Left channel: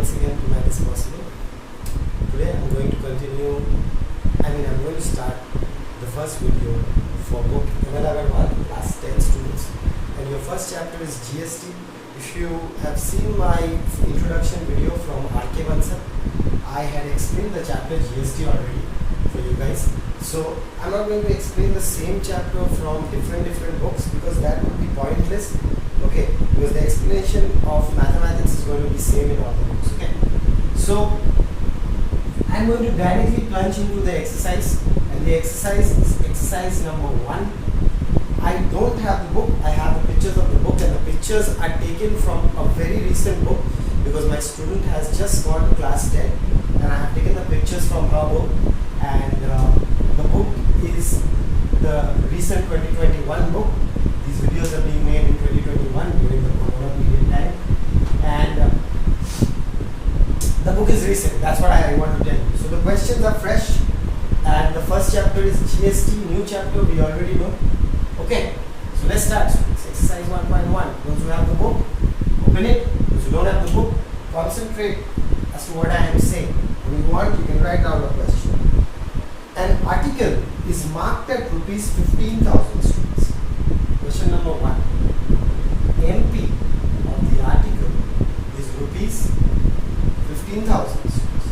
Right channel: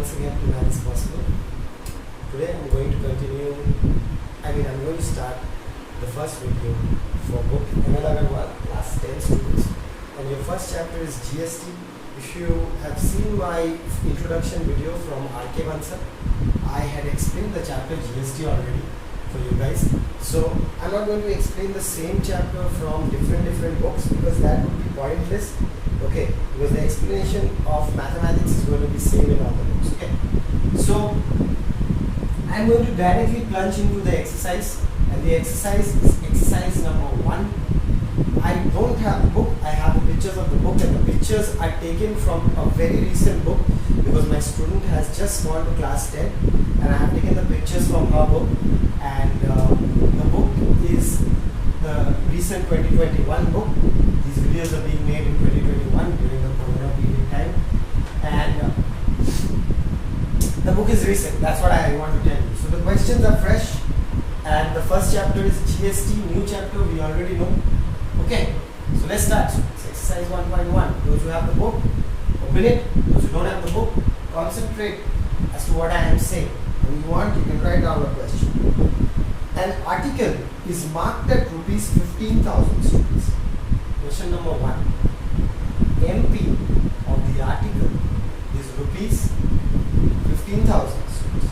once again to Math is Possible. Today I'm going to I'm going to start the first video for book Aggarwal, class 10 students. And your first chapter is GST. If you have seen my introduction video from Icse, I had explained the chapter GST already for you guys. So I'm not going to explain the same chapter from different books because that would be pointless. Okay, because the explanation of mathematics is going to be same in all the books. Okay, so I'm going to directly plunge into the exercise, and the exercise is exercise number 1. I don't have the book, I have the pictures of the book, and the pictures are taken from a very recent book because my student has just gone to class 10 and I have taken the pictures from her book, and the book is the recent 2021 book. These videos are being made in 2021 during the Corona period time, and the book is recent. That's what I want to tell you. So the questions are fresh, and the first chapter is GST, new chapter we already know. Okay, so let's start. So it's exercise 1.1. Those who have the book, open it. Those who don't have the book, concentrate as to what I am saying. When you want, you can write down the question. An article is marked at rupees 15,000 students. Question number 1. MP of the article is rupees 15,000 students.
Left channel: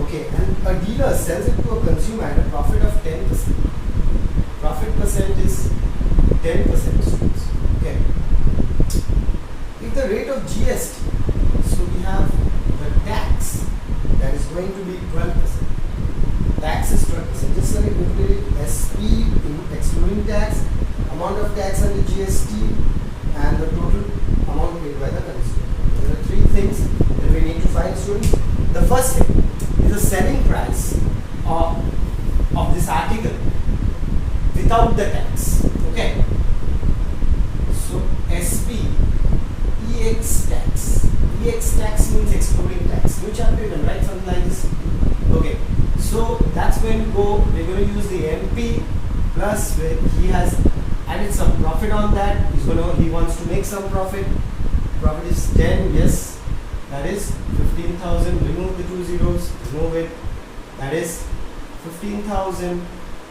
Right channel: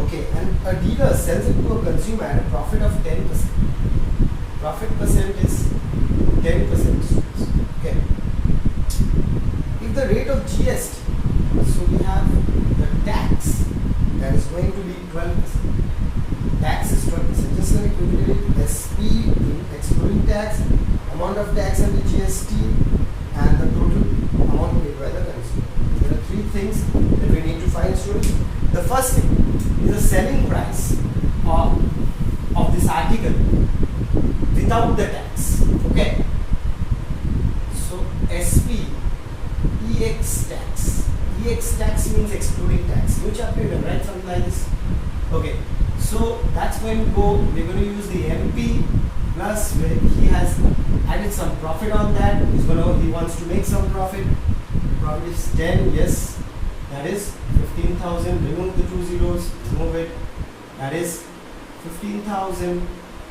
Okay, and a dealer sells it to a consumer at a profit of 10%. Profit percent is 10%, students. Okay. If the rate of GST, so we have the tax that is going to be 12%. Tax is 12%. Just going to calculate SP excluding tax, amount of tax under GST, and the total amount paid by the consumer. There are 3 things that we need to find, students. The first thing is the selling price of this article without the tax. Okay. So SP EX tax. EX tax means excluding tax. Which chapter you can write something like this? Okay. So that's going to go. We're going to use the MP plus where he has added some profit on that. He wants to make some profit. Profit is 10. Yes. That is 15,000. Remove the 2 zeros. Remove it. That is 15,000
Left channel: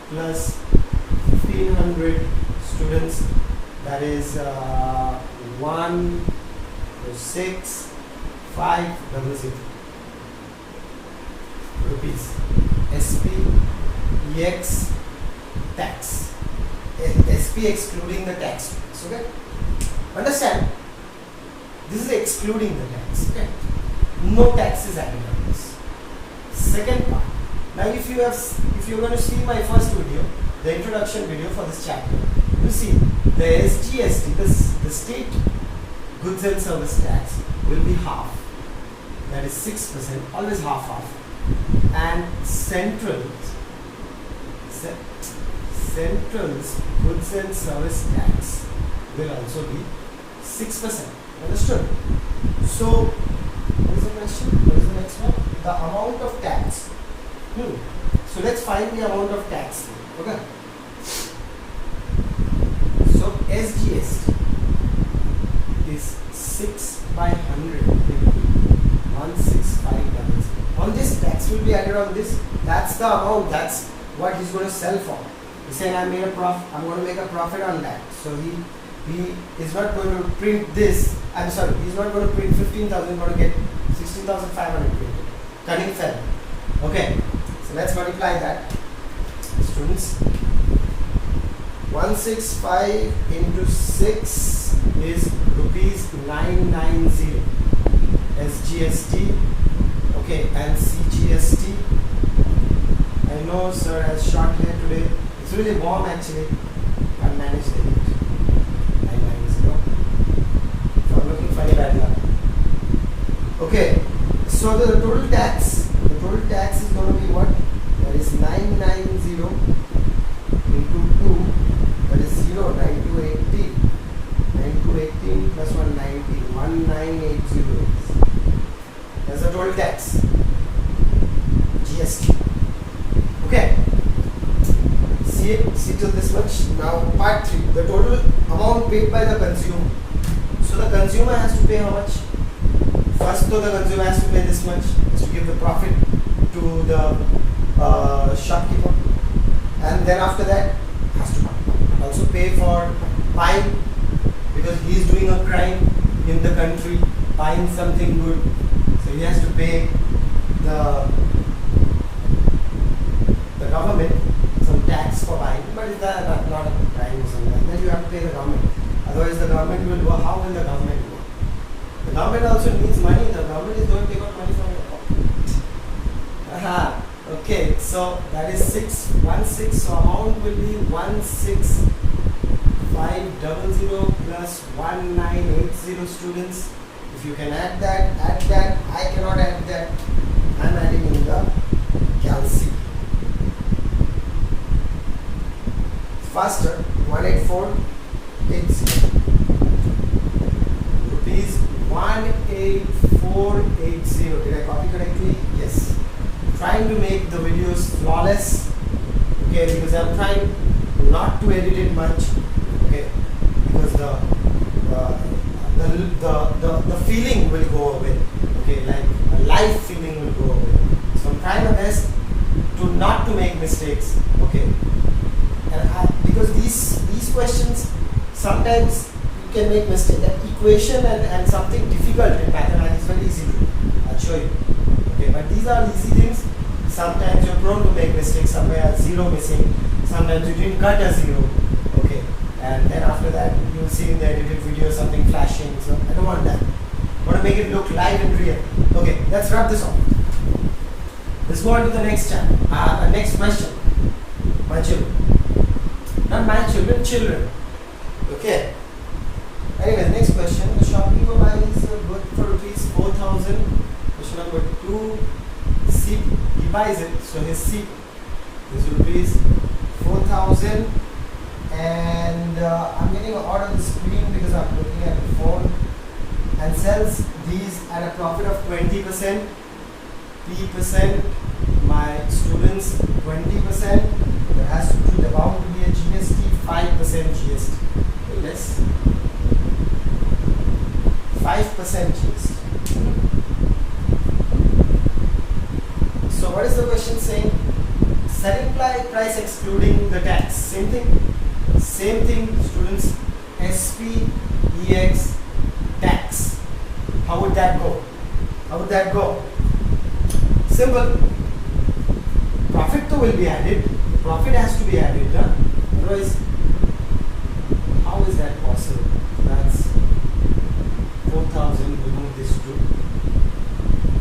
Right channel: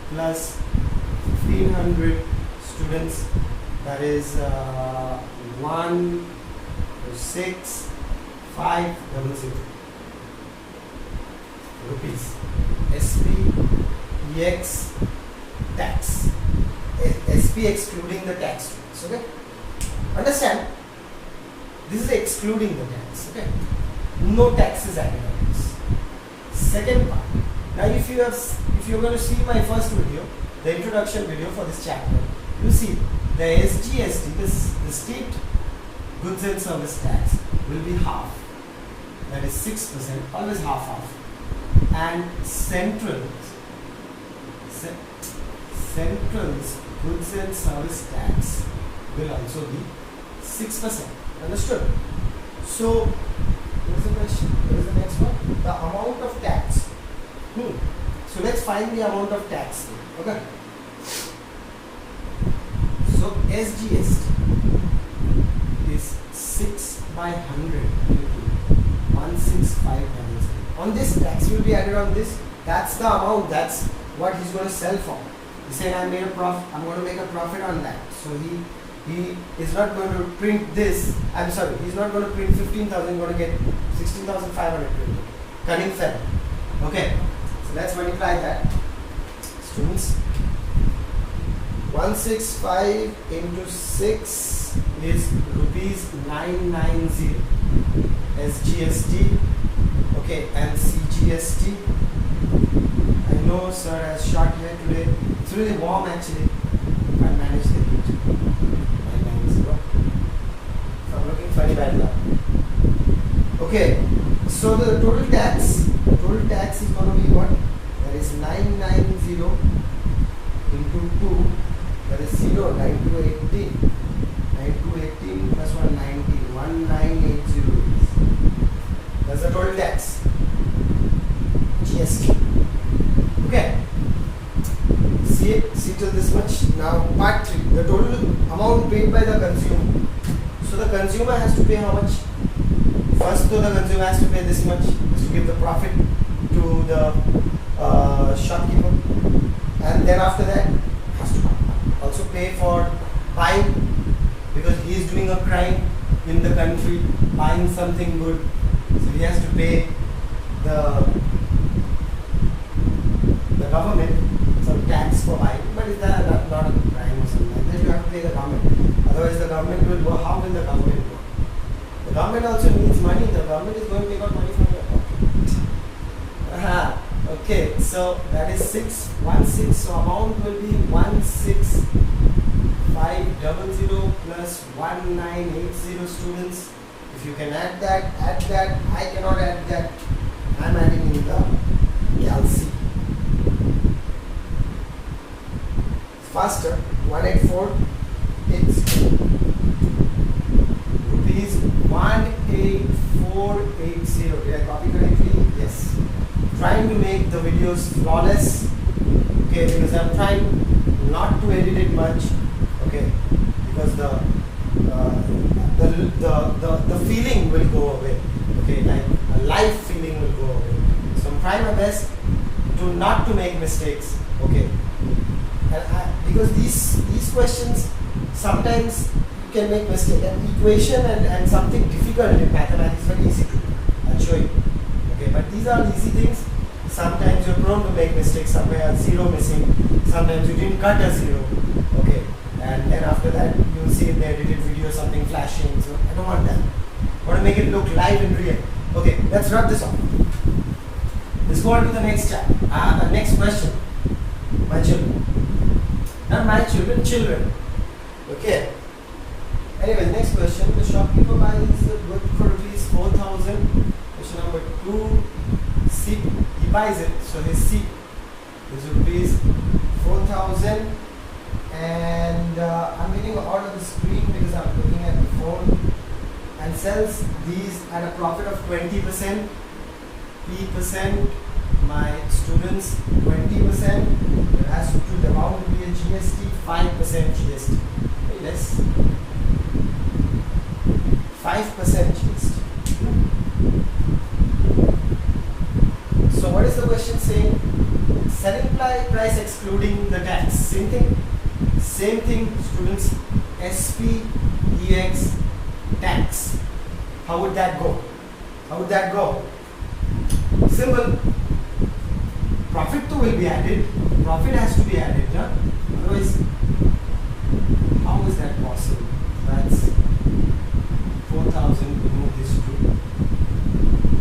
plus 1,500 students. That is 1 6 5 00 rupees. SP EX tax. SP excluding the tax. Okay. Understand? This is excluding the tax. Okay. No tax is added on this. Second part. Now, if you're going to see my first video, the introduction video for this chapter, you see the SGST, the state goods and service tax, will be half. That is 6%, always half. And central's goods and service tax will also be 6%. Understood? So, what is the question? What is the next one? The amount of tax. So let's find the amount of tax. Okay. So SGST is 6 by 100 into 16500. On this, tax will be added on this. That's the amount. That's what he's going to sell for. He's saying I'm going to make a profit on that. So he is not going to print this. I'm sorry. He's not going to print 15,000. He's going to get 16,500 printed. Cunning fellow. Okay. So let's multiply that. Students, 165 into 6 is rupees 990 SGST. Okay, and CGST. I know sir has short hair today. It's really warm actually. Can't manage the heat. 990. So I'm looking funny bad luck. Okay, so the total tax is going to be what? That is 990 into 2, that is 0, 9218. 9218 plus 190, 1980. That's the total tax. GST. Okay. See till this much. Now part 3. The total amount paid by the consumer. So the consumer has to pay how much? first though the consumer has to pay this much, has to give the profit to the shopkeeper, and then after that has to also pay for buying, because he is doing a crime in the country, buying something good, so he has to pay the government some tax for buying. But is that not a crime or something like that? You have to pay the government. Otherwise the government will go. How will the government go? The government also needs money. The government is going to take out money from your pocket. Aha. Okay, so that is 616. So amount will be 16500 plus 1980 students. If you can add that, add that. I cannot add that. I am adding in the calci. Faster. 18480. Rupees 18480. Did I copy correctly? Yes. Trying to make the videos flawless. Okay, because I'm trying not to edit it much. Okay, because the feeling will go away. Okay, like a live feeling will go away. So I'm trying my best to not to make mistakes. Okay, and because these questions sometimes you can make mistakes. That equation and something difficult in mathematics is very easy to do. I'll show you. Okay, but these are easy things. Sometimes you're prone to make mistakes. Somewhere a zero missing. Sometimes you didn't cut a zero. Okay, and then after that you will see in the edited video something flashing. So I don't want that. I want to make it look live and real. Okay, let's wrap this off. Let's go on to the next chapter. The next question. My children. Not my children, children. Okay. Anyways, next question. The shopkeeper buys good for rupees 4,000. Question number 2. He buys it. So his seat is rupees 4,000. And I'm getting out of the screen because I'm looking at the phone. And sells these at a profit of 20%. P%. My students 20%. There has to be bound to be a GST, 5% GST. Very less. 5% GST. So what is the question saying? Selling price excluding the tax. Same thing. Same thing, students. SP, EX, tax. How would that go? How would that go? Simple. Profit too will be added. Profit has to be added. Huh? Otherwise, how is that possible? That's 4,000. Remove this 2.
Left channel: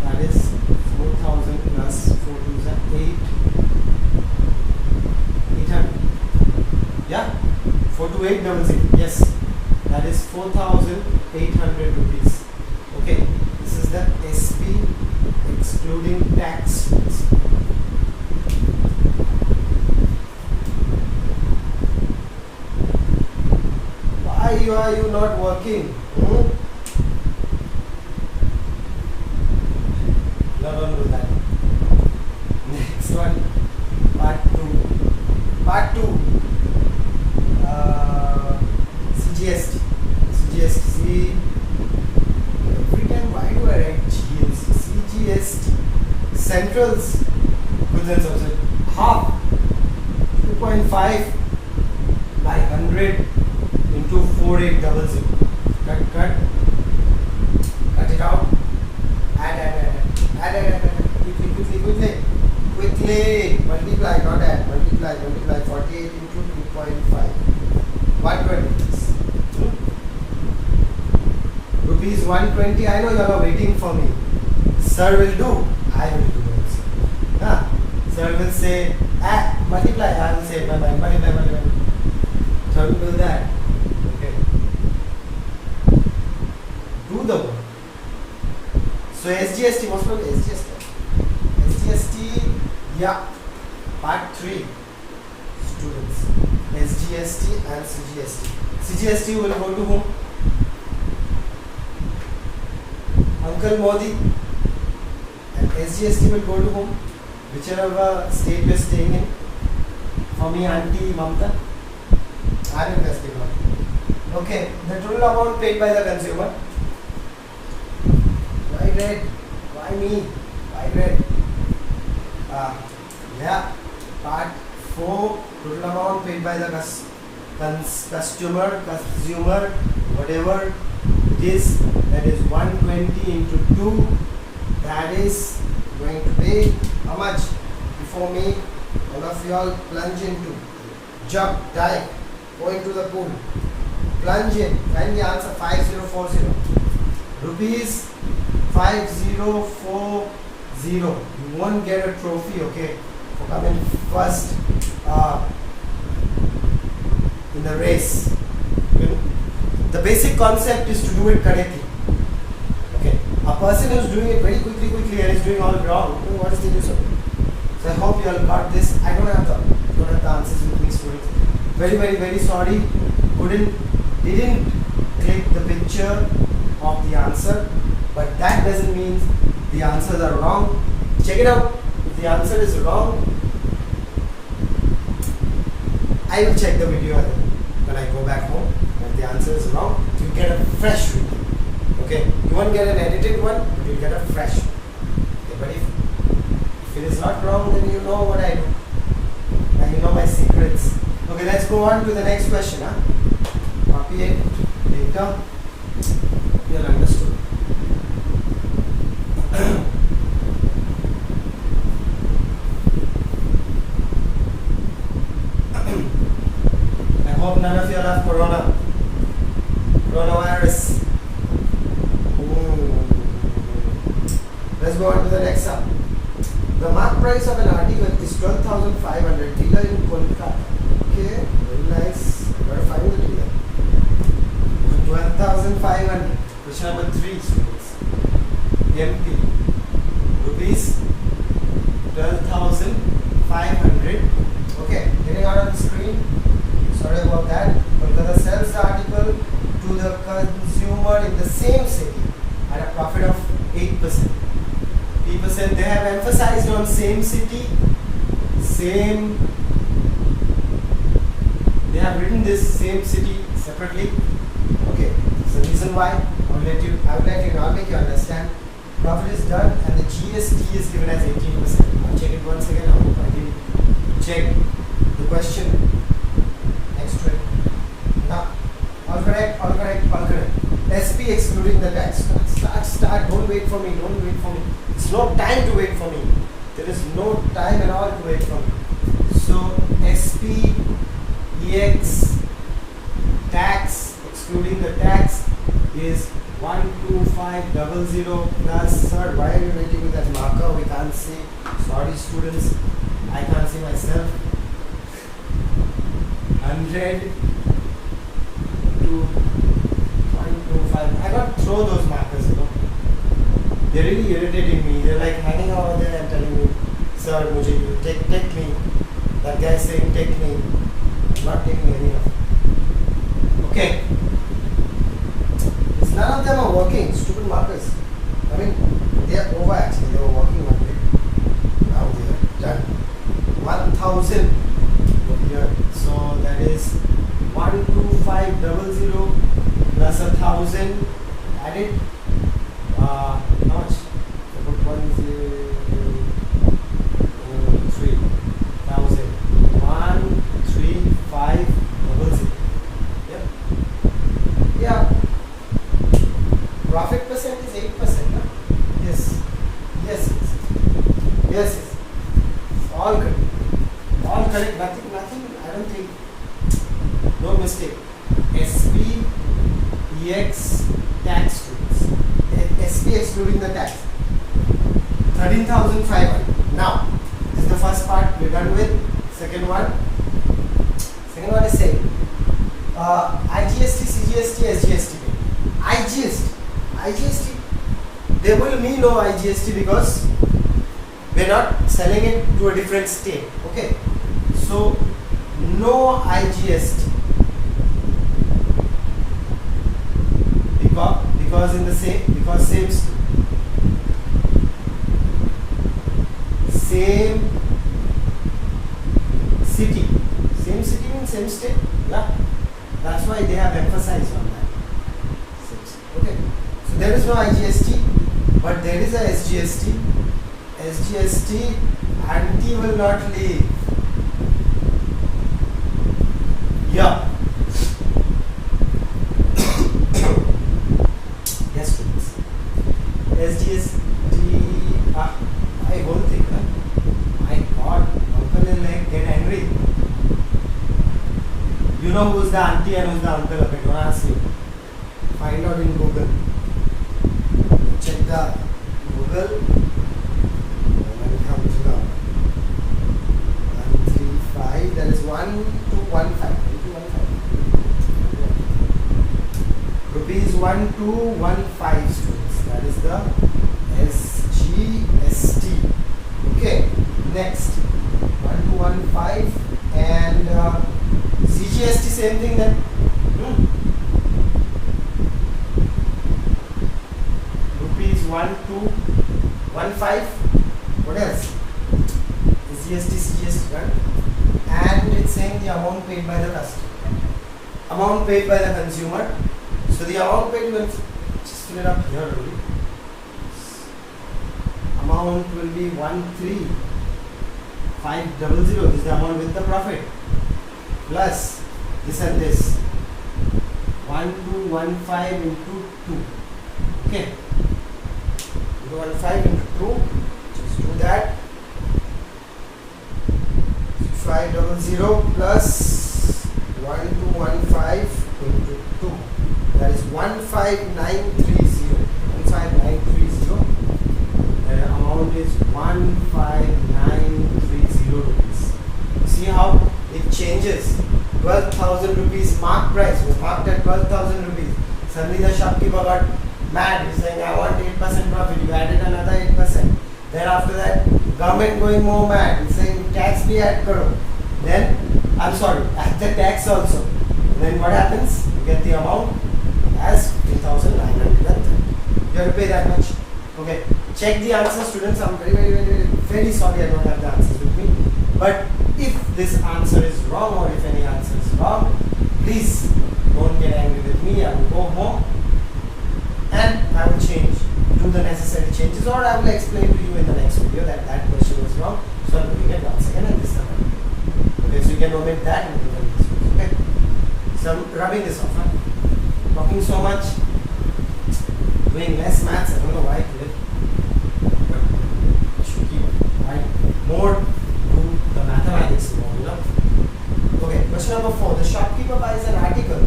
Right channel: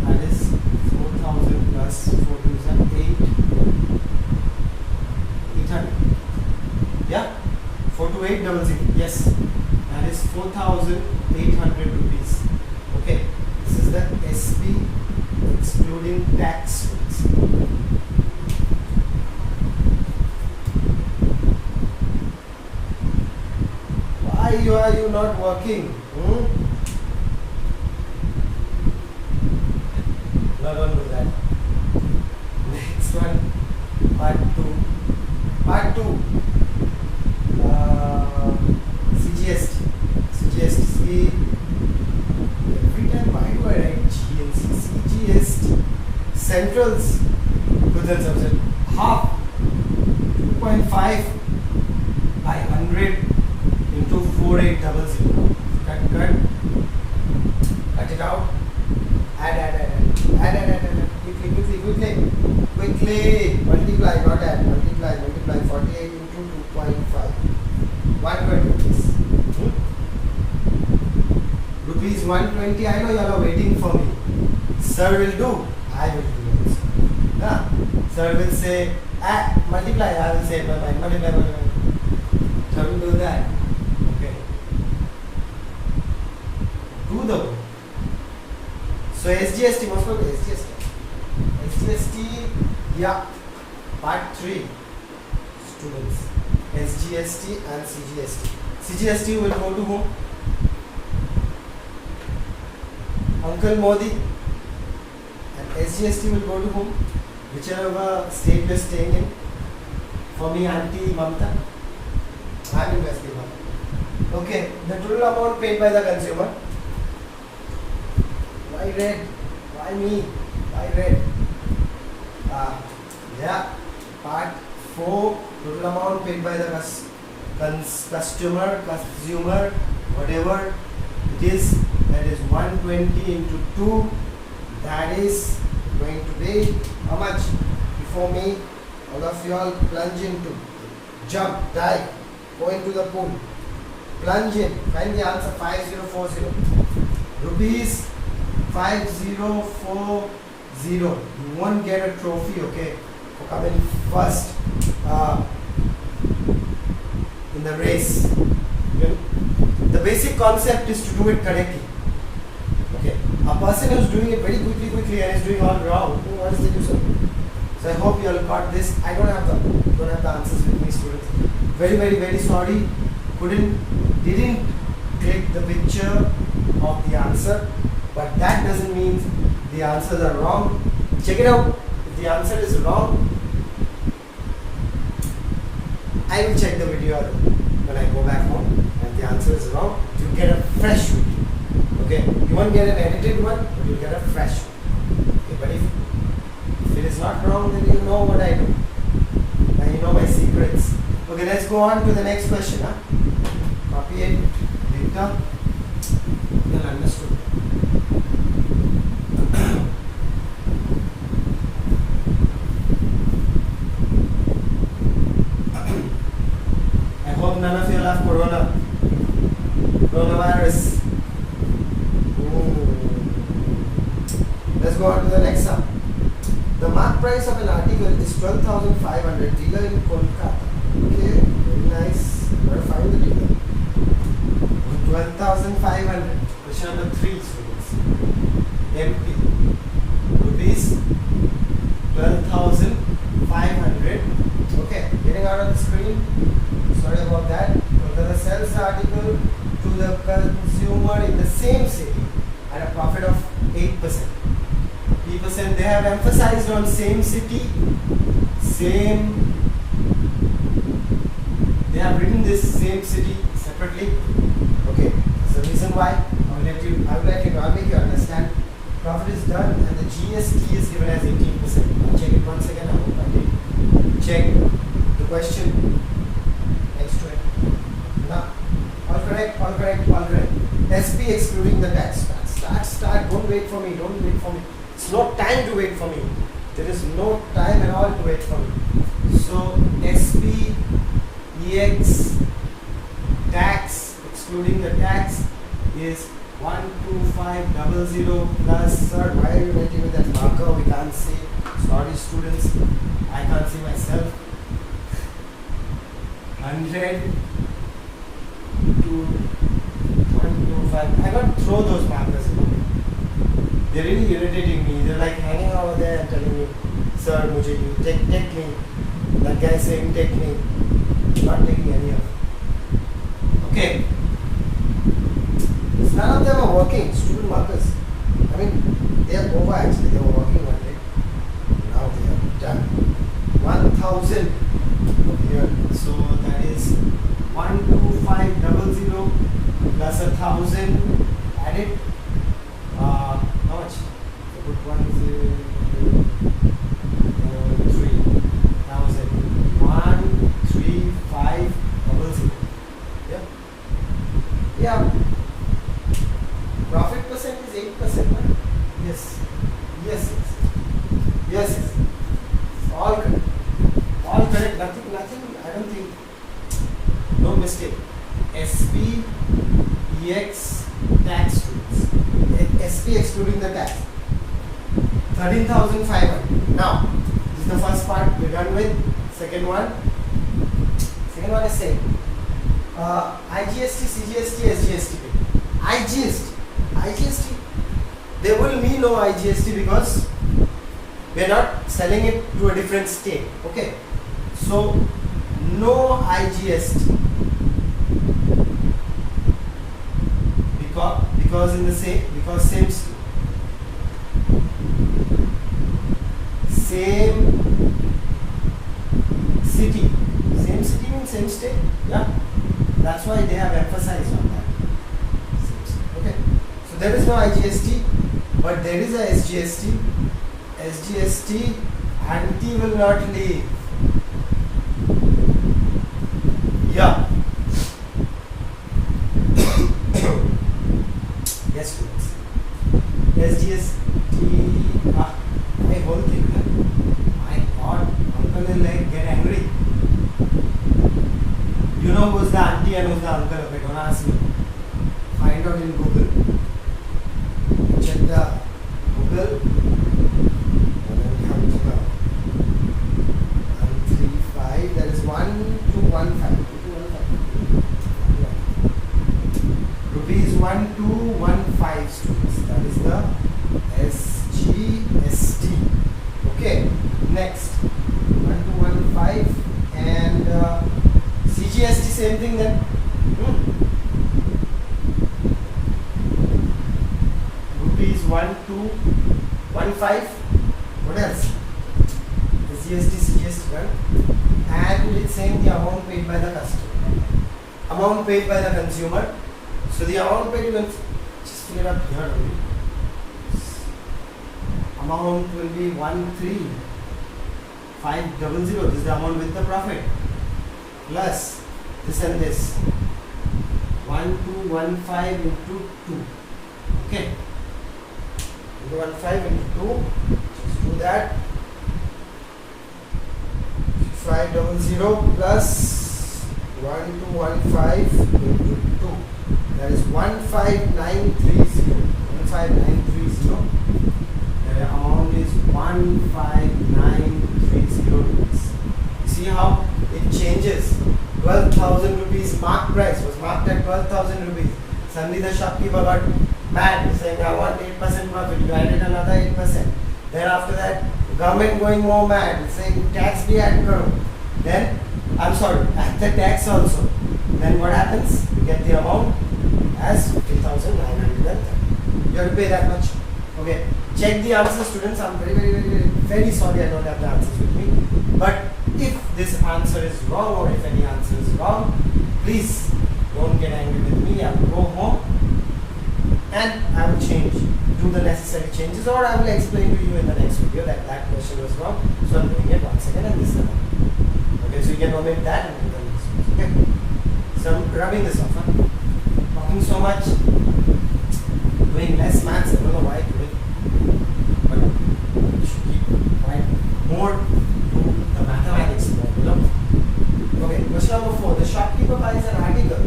That is 4,000 plus 4 2s are 800. Yeah? 42800. Yes. That is 4,800 rupees. Okay. This is the SP excluding tax. Why are you not working? Not on with that. Next one, part 2. Part 2. CGST. CGST. Every time, why do I write GST? CGST. Centrals. Half. 2.5 by 100 into 4800. Cut. Cut it out. Add. Quickly. Multiply, not add. Multiply. 48 into 2.5. 120 rupees 120. I know you are waiting for me. Sir will do. I will do also. Sir will say, multiply. I will say, multiply. Sir will do that. Okay. Do the work. So SGST, what's called SGST? SGST, yeah. Part 3. Students. SGST and CGST. CGST will go to whom? Uncle Modi. And SGST will go to whom? Whichever state you are staying in. For me, Auntie Mamta. I will guess the one. Okay, the total amount paid by the consumer. Why Why red? Why me? Why red? Yeah. Part 4. Total amount paid by the customer, whatever it is. That is 120 into 2. That is going to be how much? Before me, all of you all plunge into, jump, dive, go into the pool, plunge in, find the answer. 5040 rupees 5040. You won't get a trophy, okay, for coming first in the race. Okay? The basic concept is to do it correctly. Okay, a person who's doing it very quickly and is doing all wrong, what is the use of it? So I hope you all got this. I don't have the answers with me, students. Very sorry. Didn't click the picture of the answer, but that doesn't mean the answers are wrong. Check it out. If the answer is wrong, I will check the video when I go back home. And the answer is wrong, you get a fresh video. Okay, you won't get an edited one, but you get a fresh one. Okay, but if it is not wrong, then you know what I do. And you know my secrets. Okay, let's go on to the next question. Copy it later. You'll understood. I hope none of you have coronavirus. Let's go on to the next one. The mark price of an article is 12,500. Dealer in Kolkata. Okay, very nice. Gotta find the dealer. 12,500. Question number 3, students. MP. Rupees 12,500. Okay, getting out on the screen. Sorry about that. Kolkata sells the article to the consumer in the same city at a profit of 8%. 3%. They have emphasized on same city, same. They have written this same city separately. Okay. So reason why I will let you know. I'll make you understand. Profit is done and the GST is given as 18%. I'll check it once again. I hope I did check the question next to it. Now, all correct. SP excluding the tax. Start. Don't wait for me. It's no time to wait for me. There is no time at all to wait for me. So SP EX tax excluding the tax is 12500 plus. Sir, why are you writing with that marker? We can't see. Sorry, students. I can't see myself. 100 to 125. I can't throw those markers, you know. They're really irritating me. They're like hanging over there and telling me, sir, mujhe you take me. That guy is saying take me. I'm not taking any of it. Okay. None of them are working. Stupid markers. I mean, they are over actually. They were working one day. Now they are done. 1,000 here. So that is 12500 plus 1,000. Add it. How much? So put 3,000. 13500. Yep. Yeah. Profit percent is 8%. No? Yes. All correct. Nothing. I don't think. No mistake. SP EX tax rates. SP excluding the tax. 13,500. Now, this is the first part we're done with. Second one is same. IGST, CGST, SGST. IGST. There will be no IGST because we're not selling it to a different state. Okay. So no IGST. Because same city. Same city means same state. Yeah. That's why they have emphasized on that. Okay. So there is no IGST. but there is a SGST. SGST, auntie will not leave. Yeah. Yes, students. SGST. I won't think that. My God, uncle will like get angry. You know who's the auntie and who's the uncle? Okay, don't ask me. Find out in Google. Check the Google. And then comes now. 135. There is 1215. Rupees 1215, students. That is the SGST. Okay. Next. 1215 and CGST, same thing then. Rupees 1215. What else? The GST, CGST, right? And it's saying the amount paid by the customer. Amount paid by the consumer. So the amount paid will just fill it up here only. Amount will be 13500. This is the amount with the profit. Plus this and this. 1215 into 2. Okay. 1215 into 2. Just do that. 500 plus 1215 into 2. That is 15930. 15930. The amount is 15930 rupees. See how it changes. 12,000 rupees mark price was marked at 12,000 rupees. Suddenly the shopkeeper got mad. He's saying, I want 8% profit. You added another 8%. Then after that, government going more mad. He's saying tax bhi add karo. Then, I'm sorry, add the tax also. Then what happens? You get the amount as 15,930. You have to pay that much. Okay. Check the answer, students. I'm very sorry I don't have the answers with me. But if this answer is wrong or if any answer is wrong, please don't get angry with me. I will go home and I will change, do the necessary changes, or I will explain to you in the next video that that question was wrong. So I'm doing it once again and this time. Okay, so you can omit that and do this. Okay. So I'm rubbing this off. Right? Talking so much, doing less maths. I don't know why I did it. But you should keep more to the mathematics more, you know. Okay, question number 4. The shopkeeper buys an article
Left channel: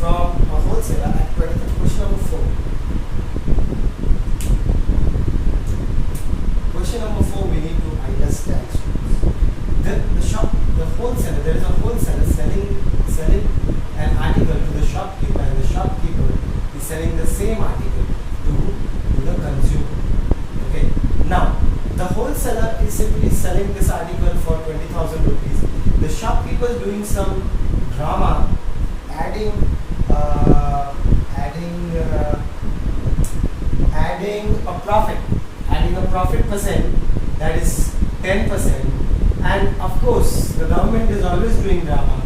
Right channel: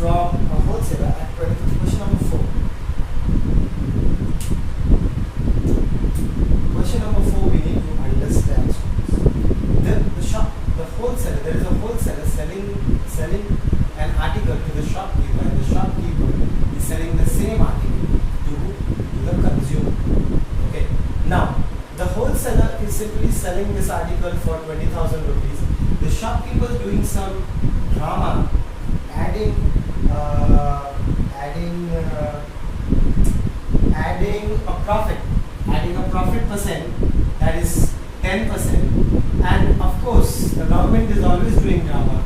from a wholesaler at credit. Question number 4. Question number 4 we need to understand. The wholesaler, there is a wholesaler selling an article to the shopkeeper, and the shopkeeper is selling the same article to the consumer. Okay. Now, the wholesaler is simply selling this article for 20,000 rupees. The shopkeeper is doing some drama, adding a profit percent, that is 10%. And of course, the government is always doing drama.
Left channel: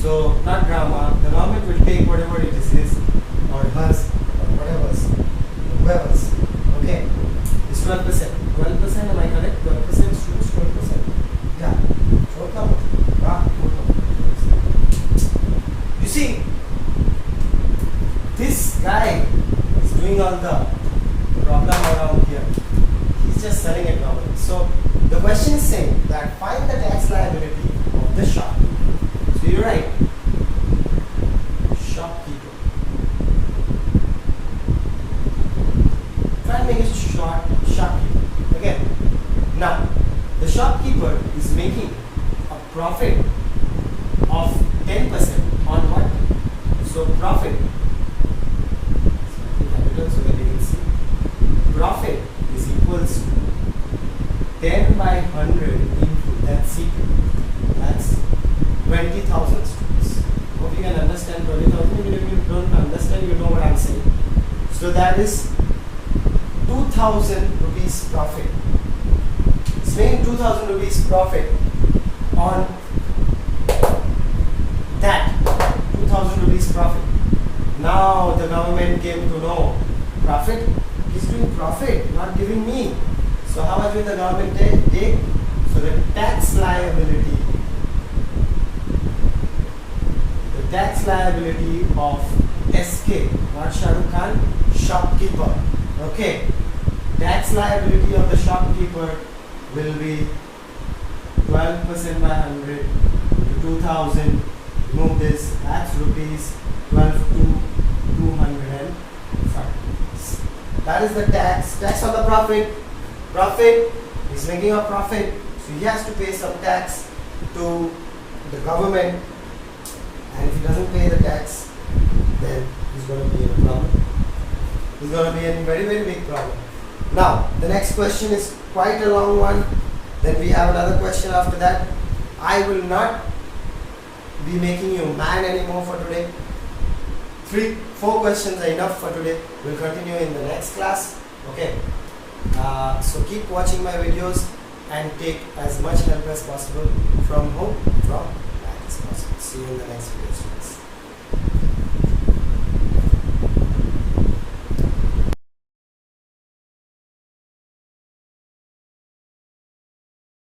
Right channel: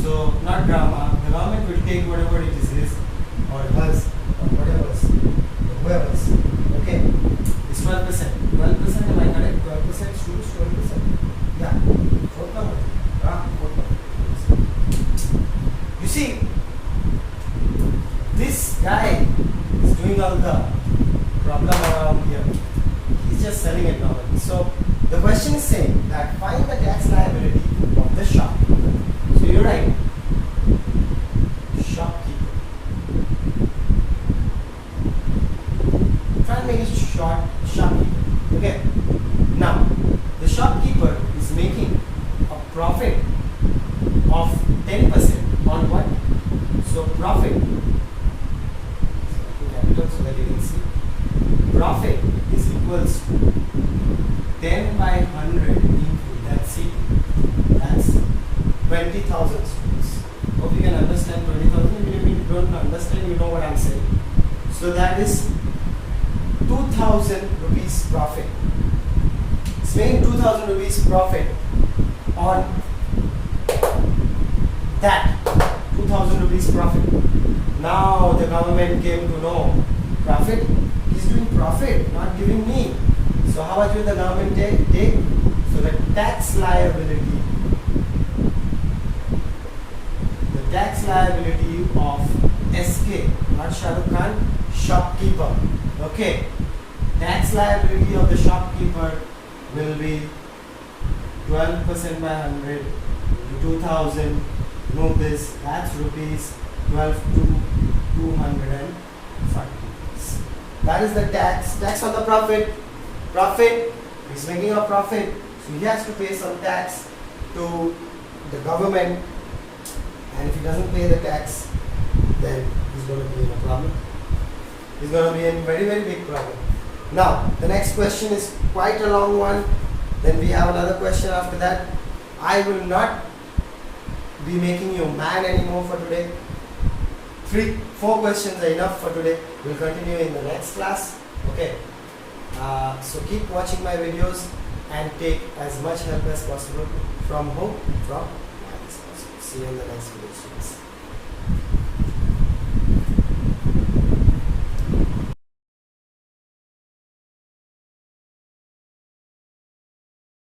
So, not drama, the government will take whatever it is his or hers or whoever's. Okay, it's 12%. 12%, am I correct? 12%, students, 12%. Yeah, 4th number. You see, this guy is doing all the problem around here. He's just selling it normally. So, the question is saying that find the tax liability of the shop. So you write shopkeeper. Try and make it short, shopkeeper. Okay. Now, the shopkeeper is making a profit of 10% on what? So profit. So that you can see. Profit is equals to 10 by 100 into that's equal. That's 20,000 students. Hope you can understand 20,000. Even if you don't understand, you know what I'm saying. So that is 2,000 rupees profit. It's making 2,000 rupees profit on that 2,000 rupees profit. Now the government came to know profit He's doing profit, not giving me. So how much will the government take? So the tax liability of SK, not Shahrukh Khan, shopkeeper. Okay. Tax liability of the shopkeeper will be 12% by 100 into 2000. Remove this, that's rupees 12 to 205. That is the tax on the profit. Profit, he's making a profit, so he has to pay some tax to the government, and if he doesn't pay the tax, then he's going to be in a problem. He's going to be in very, very big problem. Now, the next question is quite a long one. Then we have another question after that. I will not be making you man anymore for today. 4 questions are enough for today. We'll continue in the next class. Okay. So keep watching my videos and take as much help as possible from whom? From maths. See you in the next video, students.